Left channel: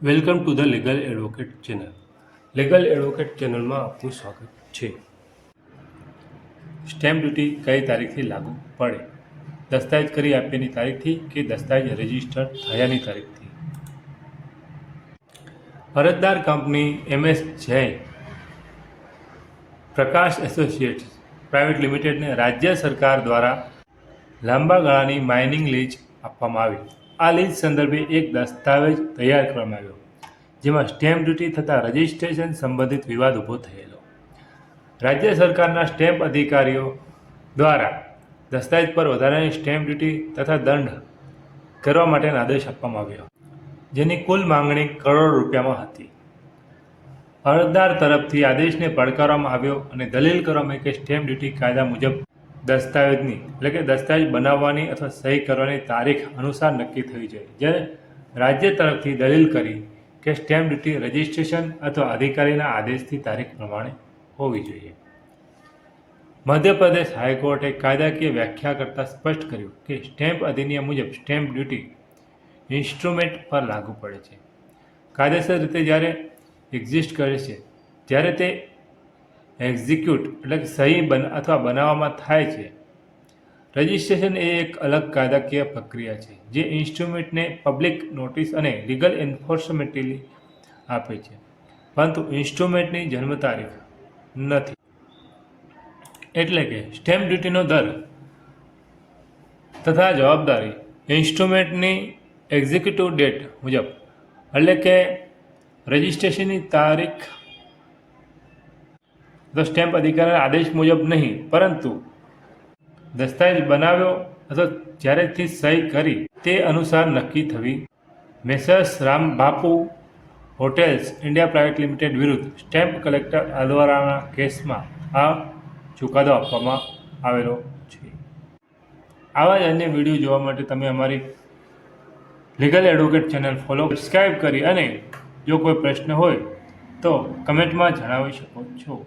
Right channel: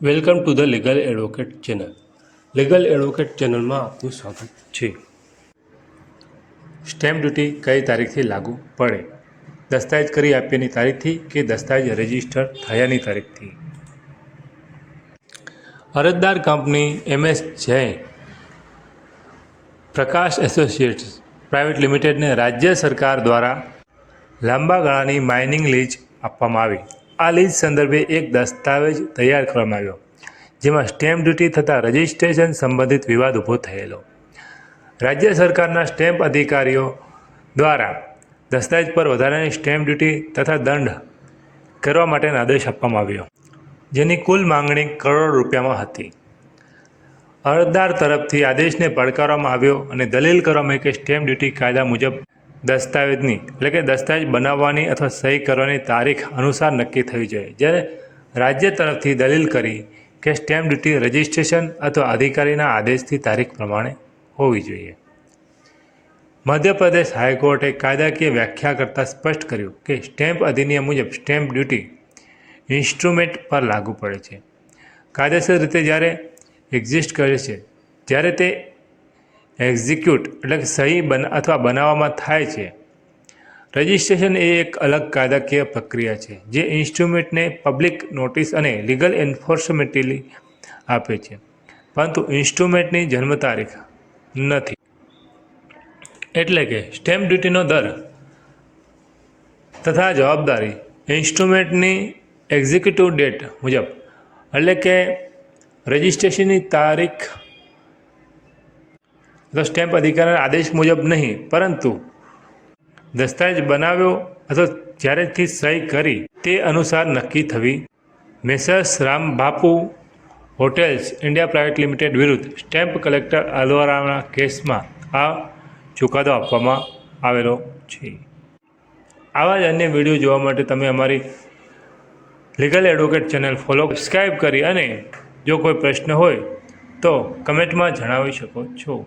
Welcome to the legal advocate channel. Legal advocate ચેનલમાં આપનું સ્વાગત છે. સ્ટેમ્પ ડ્યુટી કઈ તારીખથી લાગુ પડે? દસ્તાવેજ કરી આપ્યાની તારીખથી કે દસ્તાવેજ રજીસ્ટર થયાની તારીખથી? અરજદાર કંપની MS જૈન પ્રકાશ એસોસિએટ્સ પ્રાઇવેટ લિમિટેડને રાજ્ય સરકાર દ્વારા લાંબા ગાળાની માઇનિંગ લીઝ આપવામાં આવી. આ લીઝ સંદર્ભે એક દસ્તાવેજ તૈયાર કરવામાં આવ્યો, જેમાં સ્ટેમ્પ ડ્યુટી થતાં રજિસ્ટ્રેશન સંબંધિત વિવાદ ઊભો થયેલો. રાજ્ય સરકારના સ્ટેમ્પ અધિકારીઓ દ્વારા દસ્તાવેજ પર વધારાની સ્ટેમ્પ ડ્યુટી તથા દંડ કરવા માટેનો આદેશ આપવામાં આવ્યો, જેની કુલ માંગણી કરોડો રૂપિયામાં હતી. અરજદાર તરફથી આદેશને પડકારવામાં આવ્યો અને દલીલ કરવામાં આવી કે સ્ટેમ્પ ડ્યુટી કાયદા મુજબ દસ્તાવેજની એટલે કે દસ્તાવેજ બનાવવાની અથવા સહી કરવાની તારીખ અનુસાર નક્કી થવી જોઈએ, જ્યારે રાજ્ય તરફથી દલીલ કરી કે સ્ટેમ્પ ડ્યુટી રજિસ્ટ્રેશન અથવા અધિકારીના આદેશથી તારીખ પ્રમાણે હોવી જોઈએ. મધ્યપ્રદેશ હાઈકોર્ટે કાયદાકીય વ્યાખ્યા કરતાં સ્પષ્ટ કર્યું કે સ્ટેમ્પ અધિનિયમ મુજબ સ્ટેમ્પ ડ્યુટી ઇન્સ્ટ્રુમેન્ટ પર લાગુ પડે છે. કાયદેસર રીતે જ્યારે એક્ઝિસ્ટ કરે છે, જ્યારે તે એક્ઝિક્યુટ એટલે કે સહી અથવા બનાવવામાં થાય છે. રજિસ્ટ્રેશન એ એક અલગ કાયદાકીય પ્રક્રિયા છે જે ઇન્સ્ટ્રુમેન્ટને પબ્લિક નોટિસ અને લીગલ એન્ફોર્સમેન્ટલી આપે છે, પરંતુ ઇન્સ્ટ્રુમેન્ટની જન્મ તારીખ નથી. એટલે કે સ્ટેમ્પ ડ્યુટીનો દર તથા જવાબદારી ઇન્સ્ટ્રુમેન્ટની એક્ઝિક્યુટિવ ડેટ મુજબ એટલે કે રજિસ્ટ્રેશનની તારીખ તો સ્ટેમ્પ અધિકારીના આદેશ મુજબ નહીં, પરંતુ દસ્તાવેજ બનાવ્યો અથવા જ્યારેથી સહી કરી તે અનુસાર નક્કી થવી. Messrs Rambapu hotels India private limited વિરુદ્ધ સ્ટેમ્પ કલેક્ટર અલવારાના કેસમાં આ ચુકાદો આપવામાં આવેલો છે. આવા જ અન્ય વિડીયો જોવા માટે તમે અમારી legal advocate channel follow subscribe કરી અને જો કોઈ પ્રશ્ન હોય તો કમેન્ટમાં જણાવી શકો છો.